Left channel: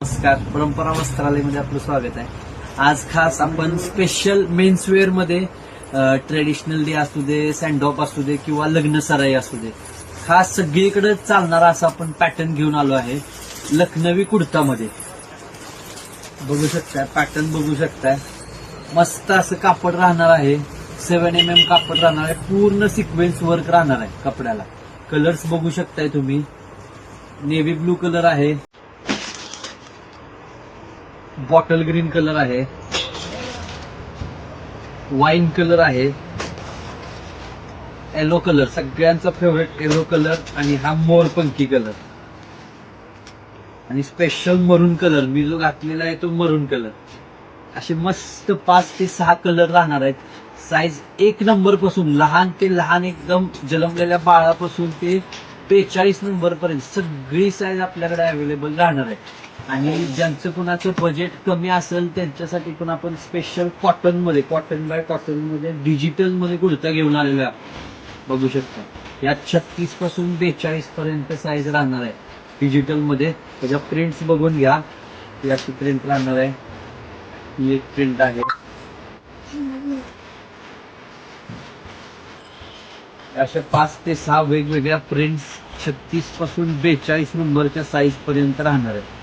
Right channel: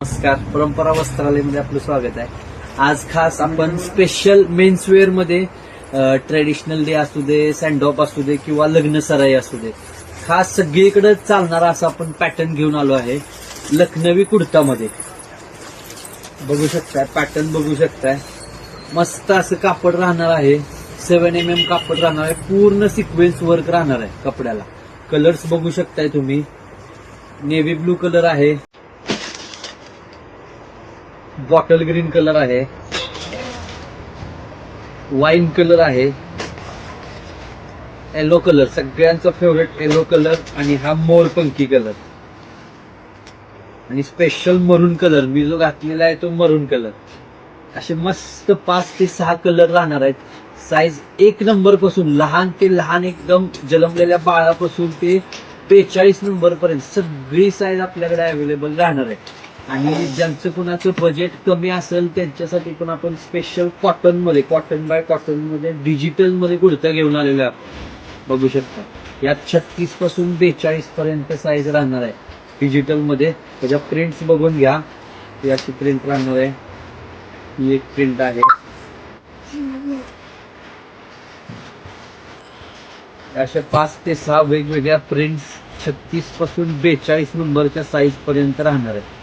नमस्कार, परंपरा वस्त्रालयमध्ये आपलं स्वागत आहे. आज खास आपण स्पेशल मेन्सवेअर मध्ये ट्रेडिशनल डे असू दे, सँडऑफ असू दे किंवा लग्न सराई असू दे, खास सगळीकडे चालणारा असा आपण पॅटर्न घेऊन आलो आहे. लखनवी कुर्तामध्ये बघू शकताय, पॅटर्न बघू शकताय. मस्त असं कापड राहणार आहे. 7mm कापड राहणार आहे. पूर्ण सिक्वेन्स वर्क राहणार आहे कपड्याला. कलर्स बघू शकताय तुम्ही. नेव्ही ब्लू कलर आहे, बॉटल ग्रीन कलर आहे, वाईन कलर आहे, येलो कलर सगळ्यांचा फेवरेट येलो कलर, आणि हा मोरपंखी कलर, आणि स्पेशल मरून कलर मी जो घातलेला आहे तो मरून कलर. असे मस्त 5 ते 6 कलर राहणार आहेत. साईज 1 नंबर पासून लहान ते लहान एकदम जन्मलेल्या बाळापासून ते 42 नंबर पर्यंत सगळी साईज आपल्याकडे अवेलेबल राहणार आहे. आणि ज्यांचं कुणाचं बजेट कमी असेल त्यांच्यासाठी पण आपण स्पेशल कॉटन बाय कॉटन मध्ये डिजिटल मध्ये कुर्ता घेऊन आलेलो आहे. बघू शकता, यात 36 पासून 42 पर्यंत साईज राहणार आहे डिजिटल मध्ये. त्याच्या प्रिंट्स बघून घ्या. ही अशी प्रिंट राहणार आहे. ही एक प्रिंट आहे. अशा 5 ते 6 वेगवेगळ्या प्रिंट्स 36 पासून 42 नंबरच्या साईज पर्यंत राहणार आहे.